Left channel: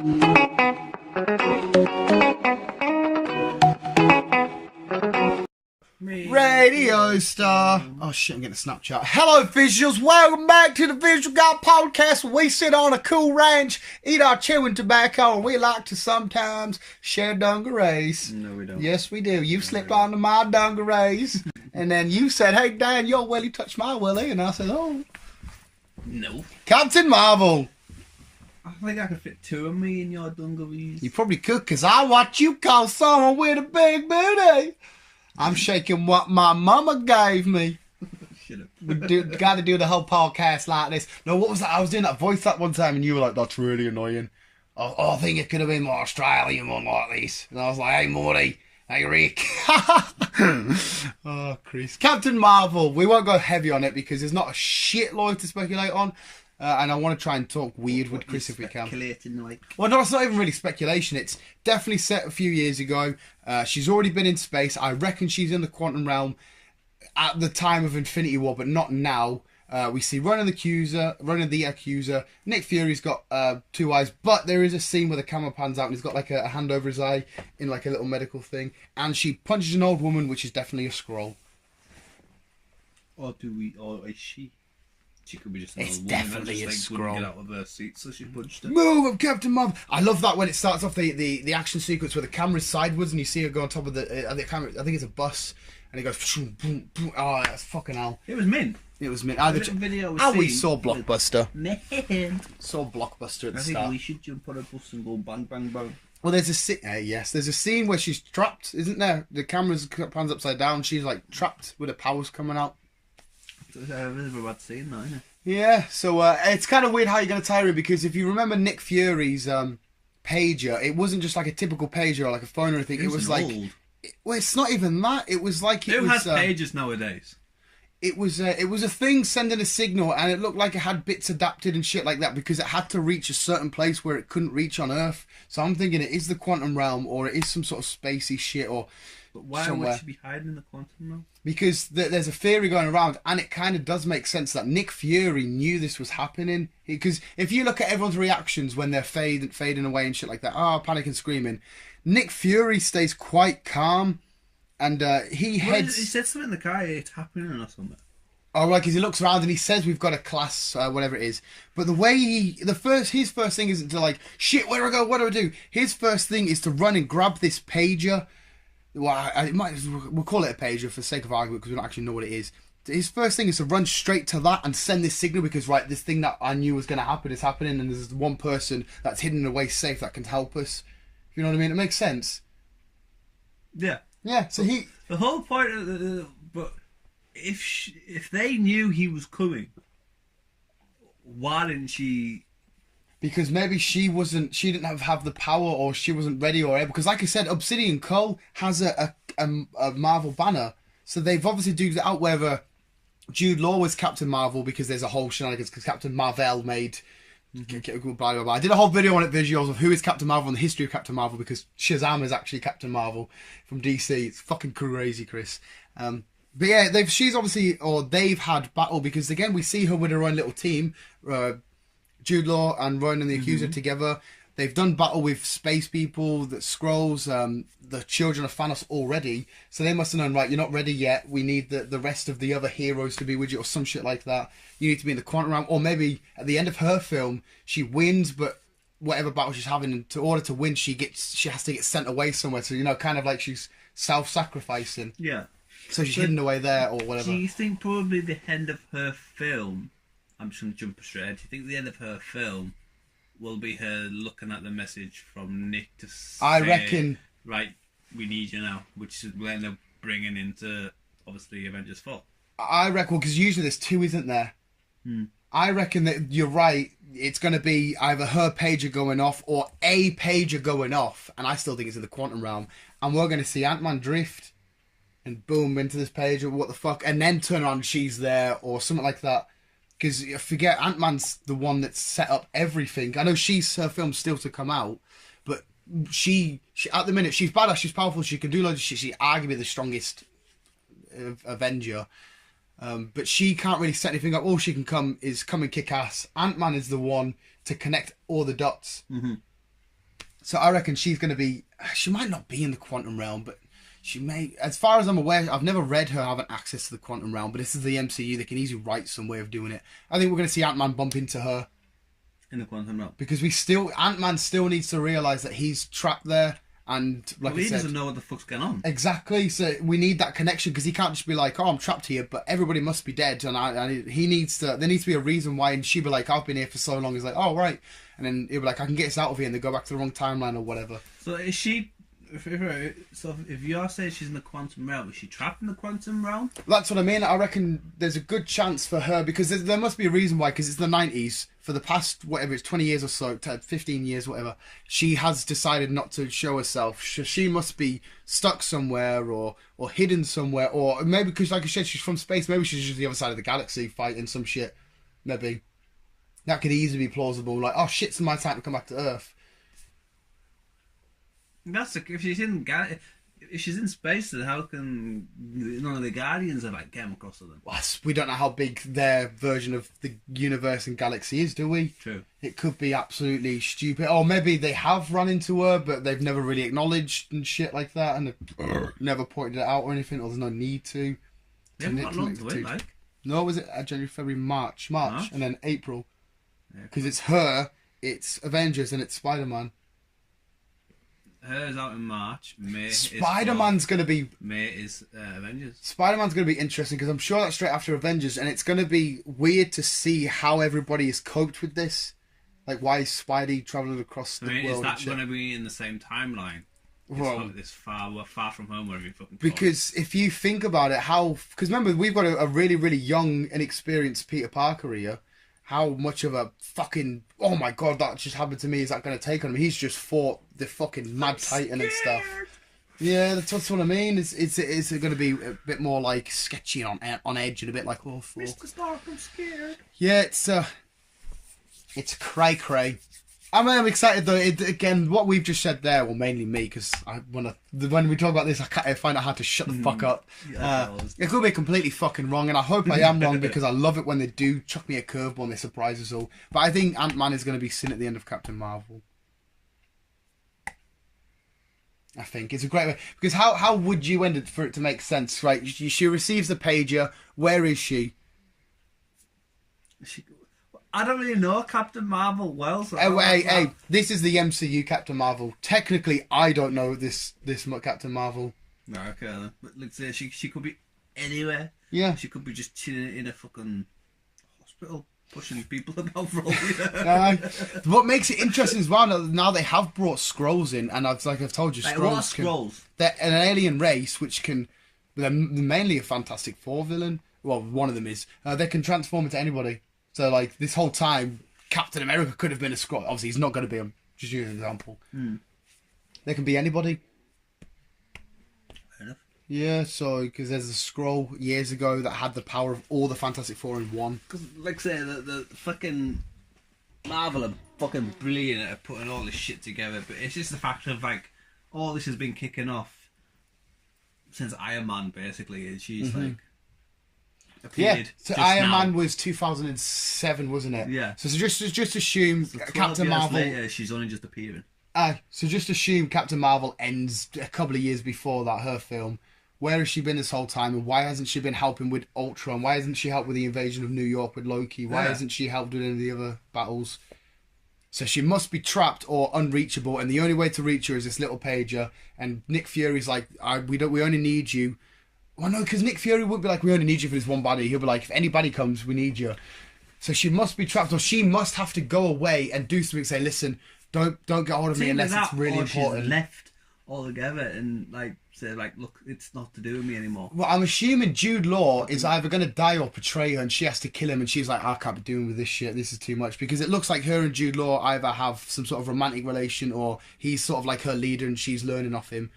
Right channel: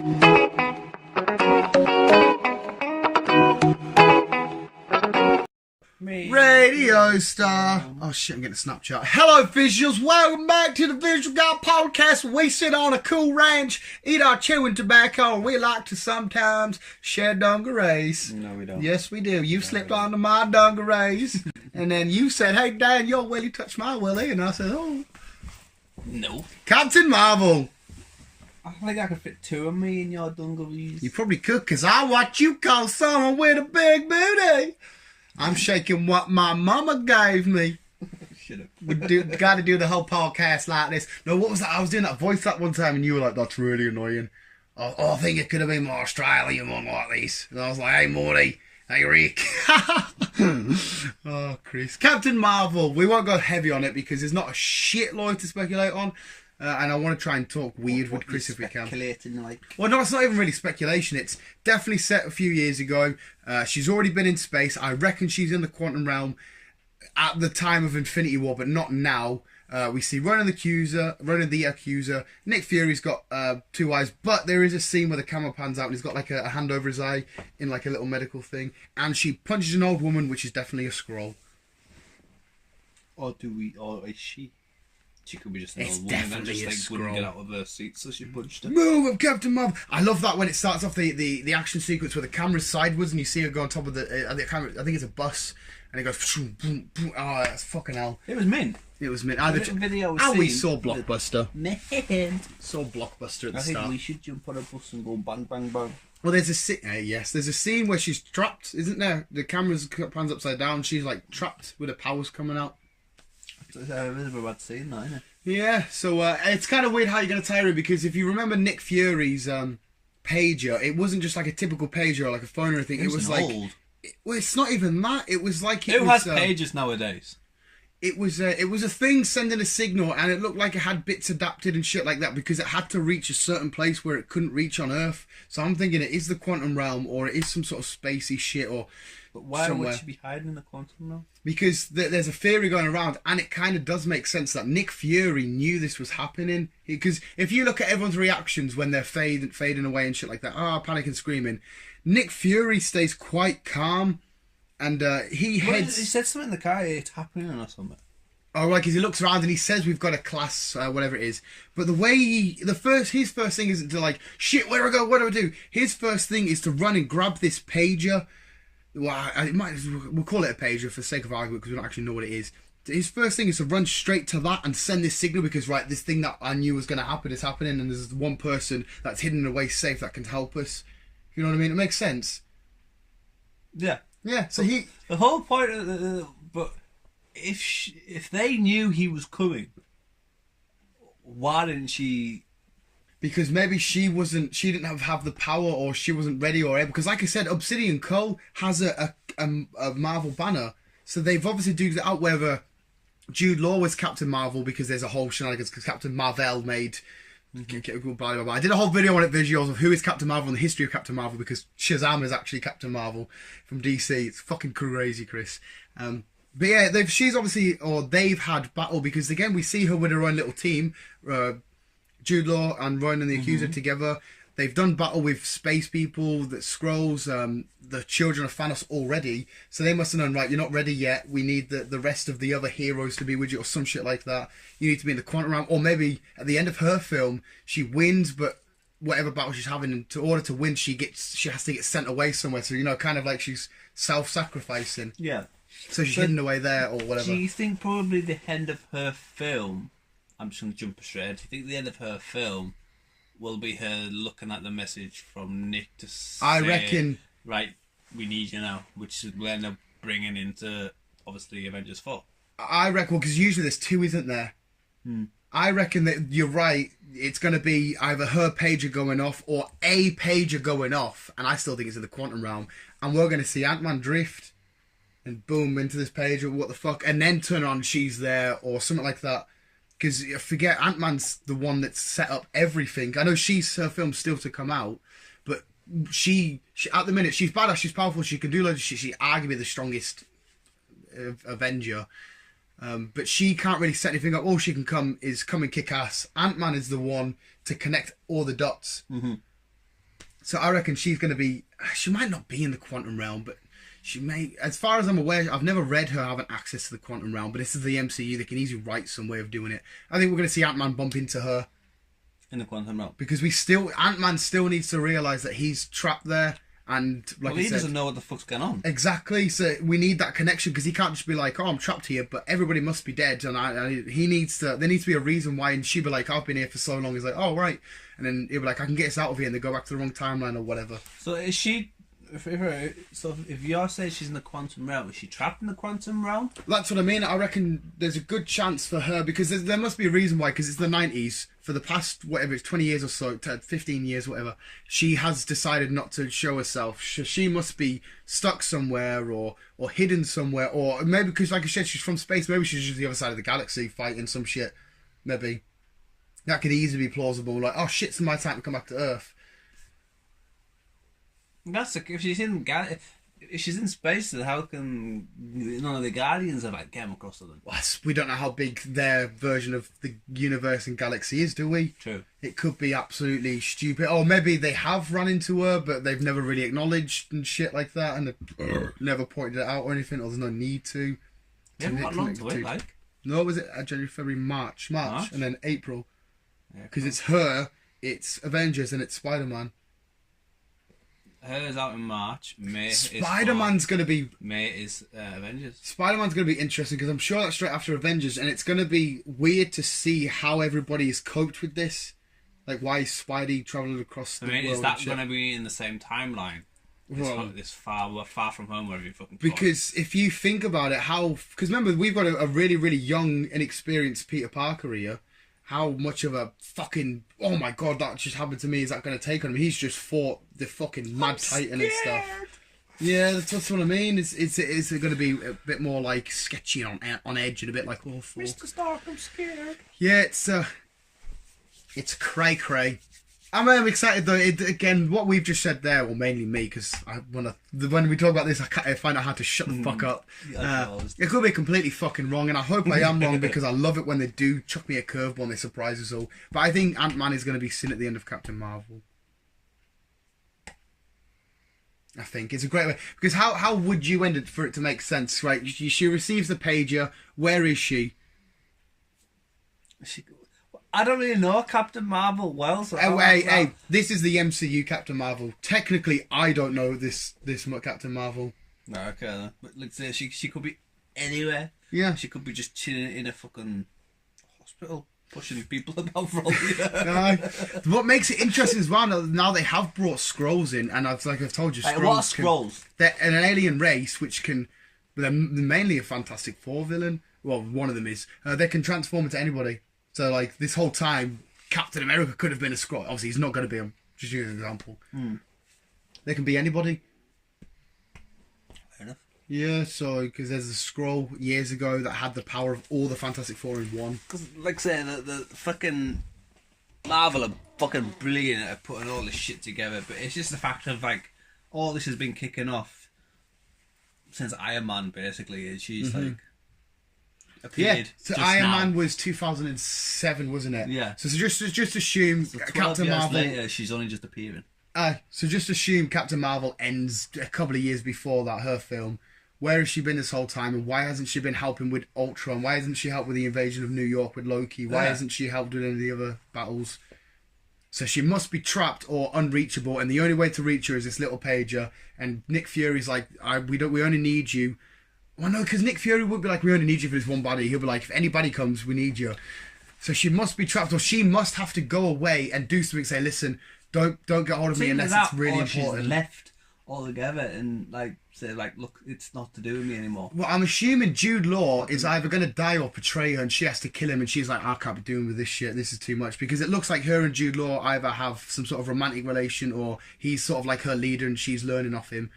Radio star. Oh shit, I'm getting a Snapchat. Hello visuals, welcome back to the Visual Guy Podcast, where we sit on a cool ranch, eat our chewing tobacco, and we like to sometimes share dungarees. No, we don't. Yes, we do. You slipped onto my dungarees, and then you said, "Hey Dan, your willy touched my willy," and I said, "Oh, no." Captain Marvel. I think I could fit two of me in your dungarees. You probably could, because I what you call someone with a big booty. I'm shaking what my mama gave me. Shut up. We got to do the whole podcast like this. No, what was that? I was doing that voice that one time, and you were like, "That's really annoying." Oh, I think it could have been more Australian one like this. And I was like, "Hey, Morty. Hey, Rick." Oh, Chris. Captain Marvel. We won't go heavy on it because there's not a shitload to speculate on. And I want to try and talk weird with Chris if we can. Like... Well, no, it's not even really speculation. It's definitely set a few years ago. She's already been in space. I reckon she's in the quantum realm at the time of Infinity War, but not now. We see Ronan the Accuser. Nick Fury's got two eyes, but there is a scene where the camera pans out and he's got like a hand over his eye in like a little medical thing. And she punches an old woman, which is definitely a Skrull. Or is she? She could be just an it's old definitely woman that just wouldn't get out of her seat, so she punched her. Move up, Captain Marvel. I love that when it starts off the action sequence where the camera's sideways and you see her go on top of the camera. I think it's a bus, and it goes. Boom, boom, boom. Oh, that's fucking hell. It was mint. It was mint. We saw Blockbuster. Saw Blockbuster at the start. I think we should jump on a bus and go bang, bang, bang. Well, there's a scene where she's trapped, isn't there? The camera's pans upside down. She's like trapped with her powers coming out. It's a bit of a bad scene, though, isn't it? Yeah, so it's kind of weird how you're going to tie her in, because if you remember Nick Fury's pager, it wasn't just like a typical pager or like a phone or anything. It was like old. Well, it's not even that. It was like who has pagers nowadays? It was a thing sending a signal, and it looked like it had bits adapted and shit like that because it had to reach a certain place where it couldn't reach on Earth. So I'm thinking it is the quantum realm, or it is some sort of spacey shit, or. But why would she be hiding in the quantum realm? Because there's a theory going around, and it kind of does make sense that Nick Fury knew this was happening. Because if you look at everyone's reactions when they're fading away and shit like that, panic and screaming, Nick Fury stays quite calm, and he heads. He said something in the car. It's happening or something. Oh, right, because he looks around and he says we've got a class, whatever it is. But the way his first thing isn't to like, shit, where do I go? What do I do? His first thing is to run and grab this pager. Well, we'll call it a pager for the sake of argument because we don't actually know what it is. His first thing is to run straight to that and send this signal because, right, this thing that I knew was going to happen is happening, and there's one person that's hidden away safe that can help us. You know what I mean? It makes sense. Yeah. Yeah, so the whole point of but if they knew he was coming, why didn't she... Because maybe she didn't have the power, or she wasn't ready or able. Because like I said, Obsidian Co. has a Marvel banner. So they've obviously dug it out whether Jude Law was Captain Marvel, because there's a whole shenanigans because Captain Marvel made... Blah, blah, blah. I did a whole video on it, visuals of who is Captain Marvel and the history of Captain Marvel, because Shazam is actually Captain Marvel from DC. It's fucking crazy, Chris. But yeah, they've had battle, because again, we see her with her own little team, Jude Law and Ronan the Accuser together. They've done battle with space people, the Skrulls, the children of Thanos already. So they must have known, right, you're not ready yet. We need the rest of the other heroes to be with you, or some shit like that. You need to be in the quantum realm. Or maybe at the end of her film, she wins, but whatever battle she's having, in order to win, she has to get sent away somewhere. So, kind of like she's self-sacrificing. Yeah. So she's hidden away there or whatever. Do you think probably the end of her film... I'm just going to jump straight. Do you think the end of her film will be her looking at the message from Nick to say, I reckon... Right, we need you now, which will end up bringing into, obviously, Avengers 4. I reckon, because usually there's two, isn't there? I reckon that you're right. It's going to be either her pager going off or a pager going off, and I still think it's in the quantum realm, and we're going to see Ant-Man drift and boom into this pager, what the fuck, and then turn around and she's there or something like that. Because forget, Ant-Man's the one that set up everything. I know her film's still to come out, but she at the minute, she's badass, she's powerful, she can do loads of shit, she's arguably the strongest Avenger. But she can't really set anything up. All she can come and kick ass. Ant-Man is the one to connect all the dots. So I reckon she's going to be... She might not be in the quantum realm, but she may... As far as I'm aware, I've never read her having access to the quantum realm, but this is the MCU. They can easily write some way of doing it. I think we're going to see Ant-Man bump into her. In the quantum realm. Because Ant-Man still needs to realise that he's trapped there. And like he doesn't know what the fuck's going on. Exactly. So we need that connection because he can't just be like, "Oh, I'm trapped here," but everybody must be dead, and he needs to. There needs to be a reason why. And she'd be like, "I've been here for so long." He's like, "Oh, right," and then he'll be like, "I can get us out of here," and they go back to the wrong timeline or whatever. So is she? If you're saying she's in the quantum realm, is she trapped in the quantum realm? That's what I mean. I reckon there's a good chance for her because there must be a reason why. Because it's the 90s. For the past whatever it's 20 years or so, 15 years, whatever, she has decided not to show herself. She must be stuck somewhere or hidden somewhere, or maybe because, like I said, she's from space. Maybe she's just the other side of the galaxy fighting some shit. Maybe that could easily be plausible. Like, oh shit, it's my time to come back to Earth. If she's in space, then how can none of the Guardians have like came across to them? Well, we don't know how big their version of the universe and galaxy is, do we? True. It could be absolutely stupid, or maybe they have run into her, but they've never really acknowledged and shit like that, and never pointed it out or anything, or there's no need to. Not long to wait, like. No, was it January, February, March, and then April? Because Yeah, it's her, it's Avengers, and it's Spider-Man. Hers out in March. May Spider-Man's going to be... May is Avengers. Spider-Man's going to be interesting because I'm sure that's straight after Avengers, and it's going to be weird to see how everybody has coped with this. Like, why is Spidey travelling across the world? Is that going to be in the same timeline? This far from home, whatever you fucking call because if you think about it, because remember, we've got a really, really young, inexperienced Peter Parker here. How much of a fucking, oh my god, that just happened to me, is that going to take on him? He's just fought the fucking Mad Titan and stuff. Yeah, that's what I mean. It's going to be a bit more like sketchy and on edge and a bit like awful. Mr. Stark, I'm scared. Yeah, it's cray. I'm excited though. Again, what we've just said there, well, mainly me, because when we talk about this, I find out how to shut the fuck up. It could be completely fucking wrong, and I hope I am wrong because I love it when they do chuck me a curveball and they surprise us all. But I think Ant-Man is going to be seen at the end of Captain Marvel. I think it's a great way, because how would you end it for it to make sense, right? She receives the pager. Where is she? I don't really know Captain Marvel well. So hey, this is the MCU Captain Marvel. Technically, I don't know this Captain Marvel. No, okay. But let's say she could be anywhere. Yeah. She could be just chilling in a fucking hospital, pushing people about for all the What makes it interesting as well, now they have brought Skrulls in, and I've told you, Skrulls. What are Skrulls? They're an alien race which can... They're mainly a Fantastic Four villain. Well, one of them is. They can transform into anybody. So, like, this whole time, Captain America could have been a Skrull. Obviously, he's not going to be. I'm just using an example. They can be anybody. Fair enough. Yeah, so, because there's a Skrull years ago that had the power of all the Fantastic Four in one. Because, like I say, the fucking Marvel are fucking brilliant at putting all this shit together, but it's just the fact of, like, all this has been kicking off since Iron Man, basically, and she's, like... Yeah, so Iron Man was 2007, wasn't it? Yeah. So just assume So Captain Marvel. Later, she's only just appearing. So just assume Captain Marvel ends a couple of years before that, her film. Where has she been this whole time, and why hasn't she been helping with Ultron? Why hasn't she helped with the invasion of New York with Loki? Why hasn't she helped with any of the other battles? So she must be trapped or unreachable, and the only way to reach her is this little pager. And Nick Fury's like, we only need you. Well, no, because Nick Fury would be like, we only need you for this one body. He'll be like, if anybody comes, we need you. So she must be trapped, or she must have to go away and do something. Say, listen, don't get hold of me unless it's really important. She's left altogether and say look, it's not to do with me anymore. Well, I'm assuming Jude Law is either going to die or betray her, and she has to kill him. And she's like, I can't be doing with this shit. This is too much, because it looks like her and Jude Law either have some sort of romantic relation, or he's sort of like her leader and she's learning off him.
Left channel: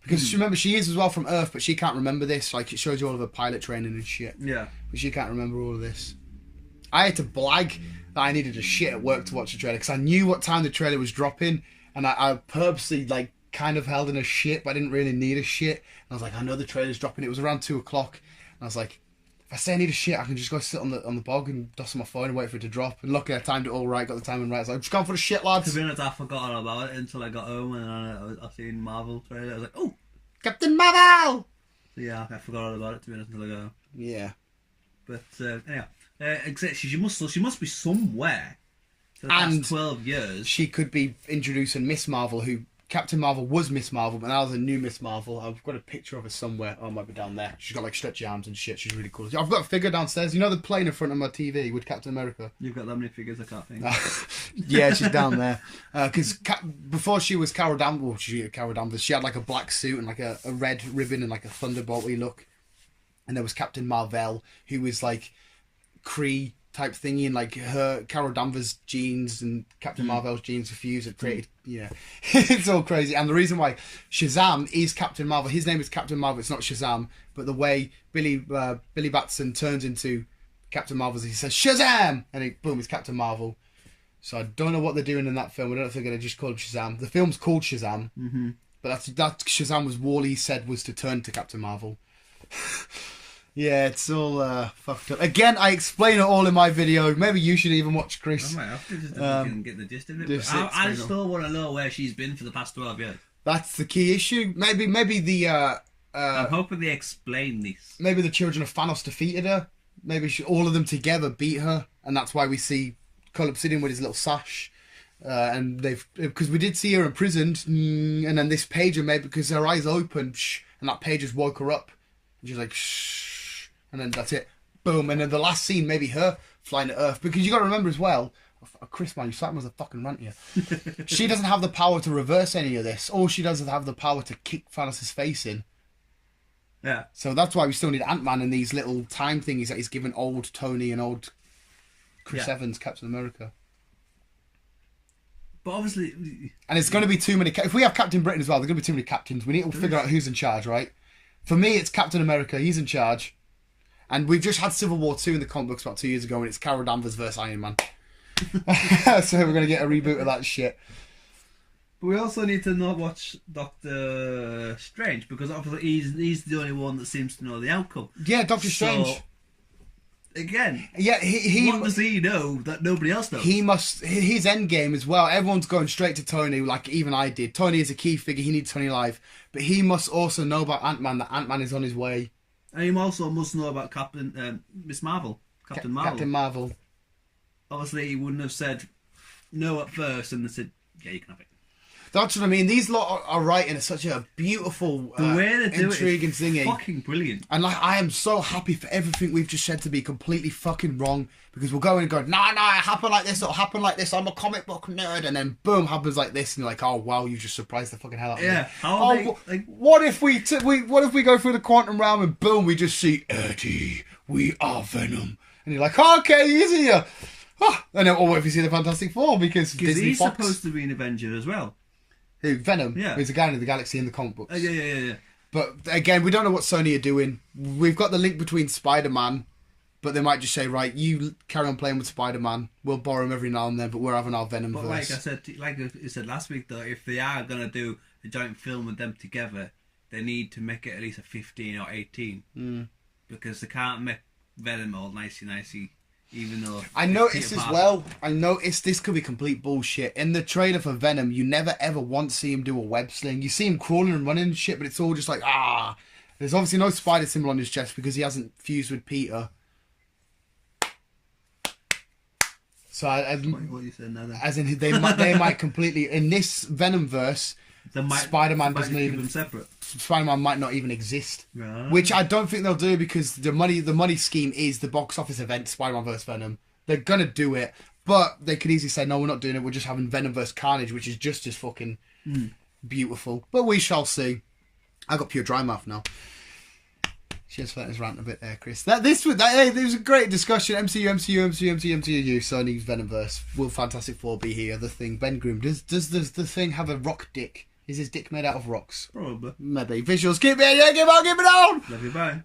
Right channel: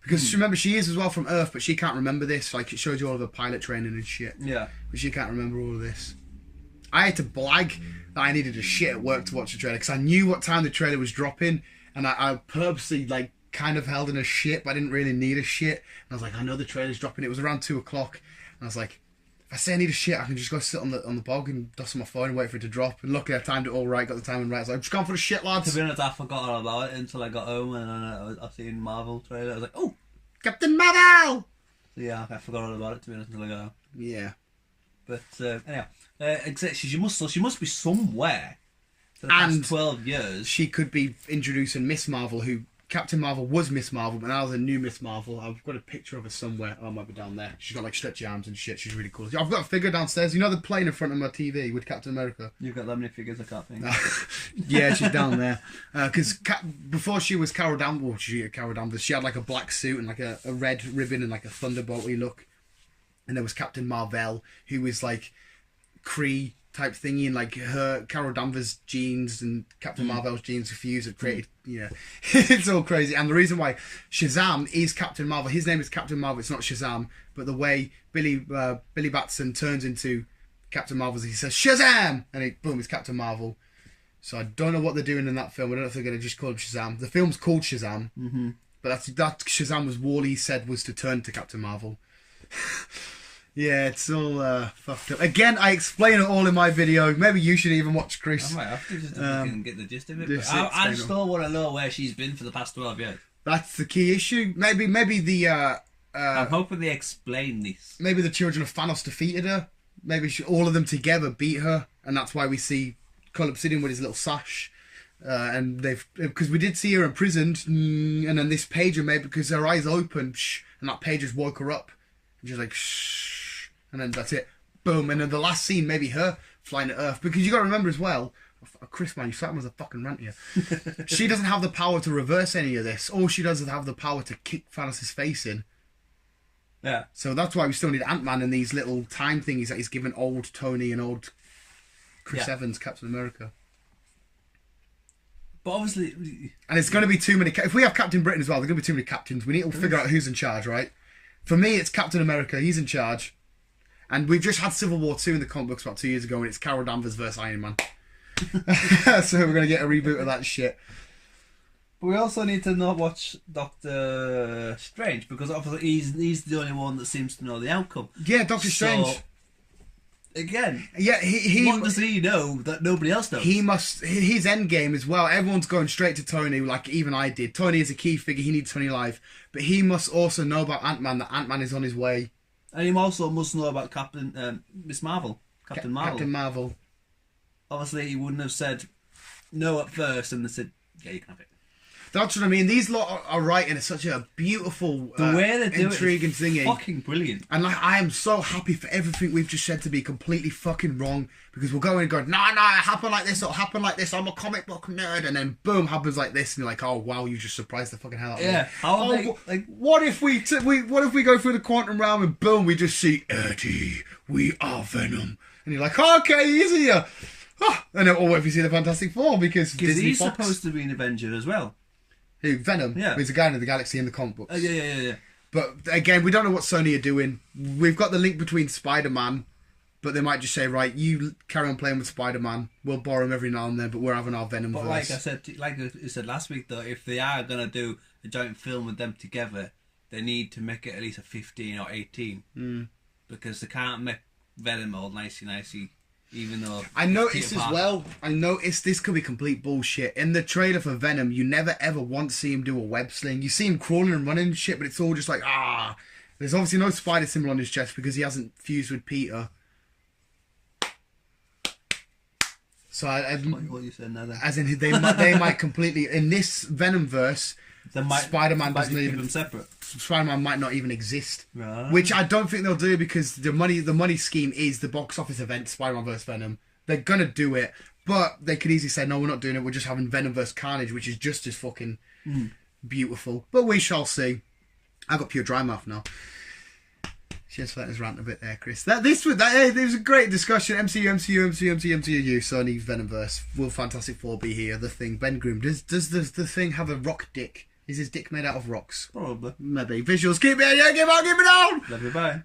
Because remember, she is as well from Earth, but she can't remember this. Like, it shows you all of her pilot training and shit. Yeah. But she can't remember all of this. I had to blag that I needed a shit at work to watch the trailer, because I knew what time the trailer was dropping, and I purposely, like, kind of held in a shit, but I didn't really need a shit. And I was like, I know the trailer's dropping. It was around 2 o'clock. And I was like, if I say I need a shit, I can just go sit on the bog and dust on my phone and wait for it to drop. And luckily I timed it all right, got the timing right. So I'm just going for the shit, lads. To be honest, I forgot all about it until I got home and I seen Marvel trailer. I was like, oh, Captain Marvel! so yeah, I forgot all about it, to be honest, until I got home. Yeah. But anyhow, she must be somewhere for the past 12 years. She could be introducing Miss Marvel, who Captain Marvel was Miss Marvel, but now there's a new Miss Marvel. I've got a picture of her somewhere. Oh, it might be down there. She's got like stretchy arms and shit. She's really cool. I've got a figure downstairs. You know the plane in front of my TV with Captain America? You've got that many figures, I can't think. Yeah, she's down there. Because before she was Carol Danvers, she had like a black suit and like a red ribbon and like a thunderbolty look. And there was Captain Marvel, who was like Kree type thingy, and like her Carol Danvers jeans and Captain Marvel's jeans fused and created, it's all crazy. And the reason why Shazam is Captain Marvel, his name is Captain Marvel, it's not Shazam, but the way Billy Batson turns into Captain Marvel, he says Shazam, and boom, it's Captain Marvel. So I don't know what they're doing in that film. I don't know if they're going to just call him Shazam. The film's called Shazam, but that Shazam was Wally said was to turn to Captain Marvel. Yeah, it's all fucked up. Again, I explain it all in my video. Maybe you should even watch, Chris. I might have to just get the gist of it. I still want to know where she's been for the past 12 years. That's the key issue. Maybe the... I'm hoping they explain this. Maybe the children of Thanos defeated her. Maybe all of them together beat her. And that's why we see Cole Obsidian with his little sash. And because we did see her imprisoned. And then this pager, maybe because her eyes opened. And that pager's woke her up. And she's like... Shh. And then that's it. Boom. And then the last scene, maybe her flying to Earth. Because you got to remember as well, Chris, man, you sat as a fucking rant here. She doesn't have the power to reverse any of this. All she does is have the power to kick Thanos' face in. Yeah. So that's why we still need Ant-Man and these little time thingies that he's given old Tony and old Chris Evans, Captain America. But obviously... And it's going to be too many... If we have Captain Britain as well, there's going to be too many captains. We need to figure out who's in charge, right? For me, it's Captain America. He's in charge. And we've just had Civil War 2 in the comic books about 2 years ago, and it's Carol Danvers versus Iron Man. So we're going to get a reboot of that shit. But we also need to not watch Doctor Strange, because obviously he's the only one that seems to know the outcome. Yeah, Doctor Strange. Again, yeah, what does he know that nobody else knows? His end game as well. Everyone's going straight to Tony, like even I did. Tony is a key figure. He needs Tony alive, but he must also know about Ant-Man. That Ant-Man is on his way. And he also must know about Miss Marvel, Captain Marvel. Captain Marvel. Obviously, he wouldn't have said no at first, and they said, "Yeah, you can have it." That's what I mean. These lot are writing it's such a beautiful, the way they do intriguing it is thingy. Fucking brilliant. And like, I am so happy for everything we've just said to be completely fucking wrong, because we'll go in and go, no, it happened like this, it'll happen like this, I'm a comic book nerd, and then boom, happens like this, and you're like, oh wow, you just surprised the fucking hell out of me. Yeah. What if we go through the quantum realm and boom, we just see Eddie, we are Venom, and you're like, oh, okay, he's here. Oh, and then, or what if you see the Fantastic Four, because Disney he's Fox, supposed to be an Avenger as well. Who, Venom? Yeah. He's a guy in the galaxy in the comic books. Yeah. But again, we don't know what Sony are doing. We've got the link between Spider-Man, but they might just say, right, you carry on playing with Spider-Man. We'll borrow him every now and then, but we're having our Venom verse. But like I said last week, though, if they are going to do a joint film with them together, they need to make it at least a 15 or 18. Because they can't make Venom all nicey. Even though I noticed as well, this could be complete bullshit. In the trailer for Venom, you never ever once see him do a web sling. You see him crawling and running and shit, but it's all just like, There's obviously no spider symbol on his chest because he hasn't fused with Peter. So what you said now, then. As in, they might completely, in this Venom verse, Spider-Man doesn't even separate. Spider-Man might not even exist, which I don't think they'll do, because the money scheme is the box office event Spider-Man vs Venom. They're gonna do it, but they could easily say no, we're not doing it. We're just having Venom vs Carnage, which is just as fucking beautiful. But we shall see. I got pure dry mouth now. Cheers for letting us rant a bit there, Chris. This was a great discussion. MCU, Sony's Venomverse. Will Fantastic Four be here? The Thing, Ben Grimm. Does the Thing have a rock dick? Is his dick made out of rocks? Probably. Maybe. Visuals, keep it, keep it down! Love you, bye.